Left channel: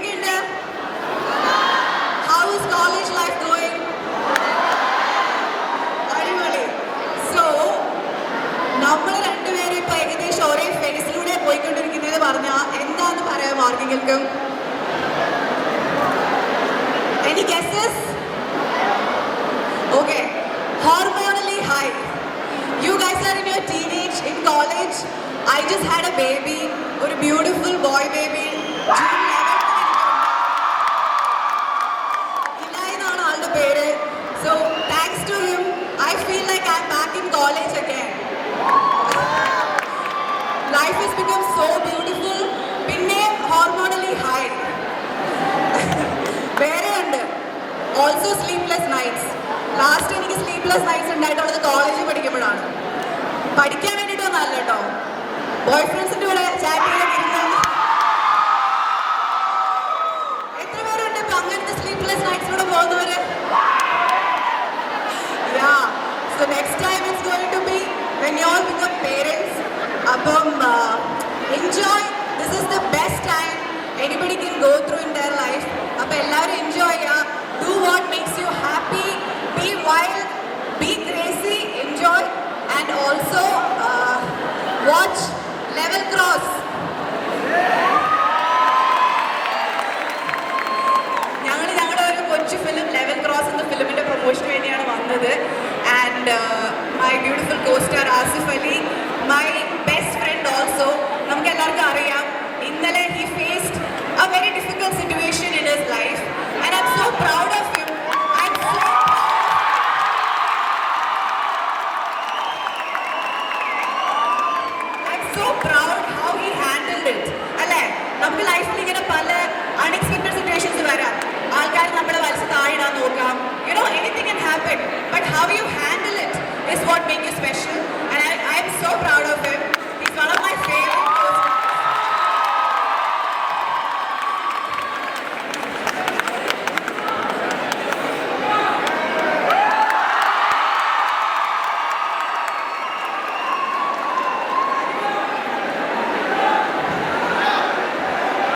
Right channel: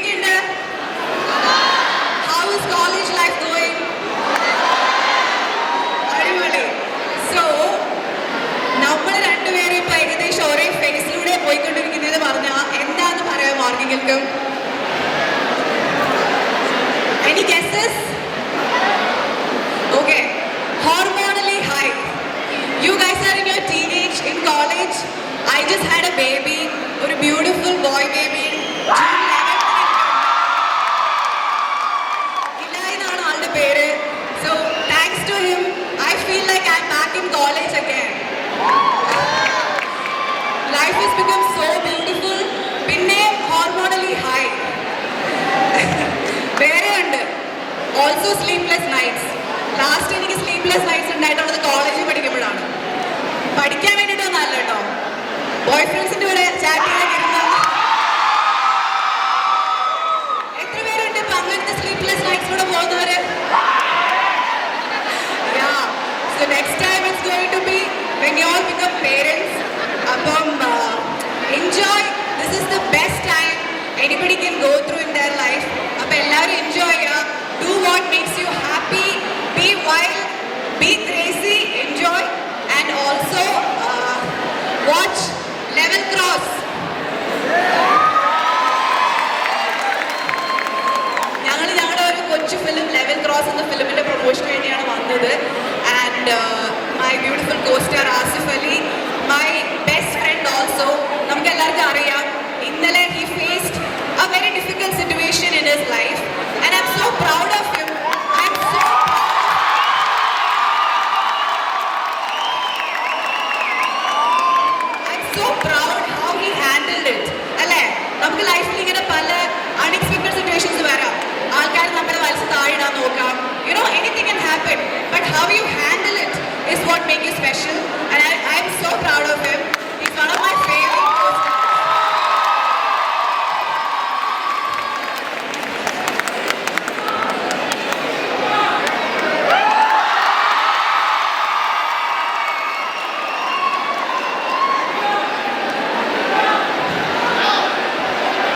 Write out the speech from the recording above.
എന്തൊക്കെയുണ്ട് how is college life going അടിപൊളി. So നമ്മൾ രണ്ടുപേരും ഇപ്പൊ ഏകദേശം ഒരേ ഫേസിലൂടെ പോയിക്കൊണ്ടിരിക്കുന്നത് പറഞ്ഞാൽ എന്താന്ന് പറയാം മാർഗികൾക്കും? Any guesses okay hormonally high you guys are in your teenage in college I just had a baby ഒരു beautiful boy baby I again. Life has become so beautiful പിന്നെ ഹോർമോണലി ഹൈ വേറെ ഉണ്ട്. ഓൾസോ സ്ലീപ്ലെസ് നൈറ്റ്സ് ലാസ്റ്റ് എനിക്ക് sleepless nights ഉണ്ടായിട്ടുള്ളത് കോളേജിൽ പഠിക്കുമ്പോഴാണ്. പഠിക്കാൻ വേണ്ടിയിട്ടൊന്നും അല്ല കേട്ടോ. ബോയ് ഫ്രണ്ട്സിന്റെ കൂടെ ചാറ്റ് ചെയ്ത് വരുന്ന എത്ര പേരുണ്ട്? ഇപ്പൊ അങ്ങനത്തെ സ്ലീപ്ലെസ് നൈറ്റ്സിലൂടെ പോകുന്നവര്? Next So when you all become parents. അപ്പം uh, enjoy. This is the best time anybody can go through in their life. അപ്പം എല്ലാവരും enjoy ചെയ്യുക. Do what makes you happy. Be wild. Be crazy. Enjoy. And also uh, watch Level Cross. ഞങ്ങൾ ഞങ്ങളുടെ ഒരു കൊച്ചു film level cross എന്ന ഫിലിമിന്റെ പ്രൊമോഷന് വേണ്ടിയാണ് വന്നത് And my beautiful costar Asif Ali my best friend also നമുക്ക് എല്ലാവർക്കും അറിയാം ഇന്നലെ he faced a very difficult situation in his life and I'm so proud of him I'm so I'm so proud how he handled it. അല്ലേ നമുക്ക് ലൈഫിൽ ഇങ്ങനെ പല unexpected situations വരാം ആൾക്കാർ നമ്മളെ വലിച്ച് താഴെയിടാൻ നോക്കാം you know anything can happen but how you handle is what makes you special. And I, I'm so proud.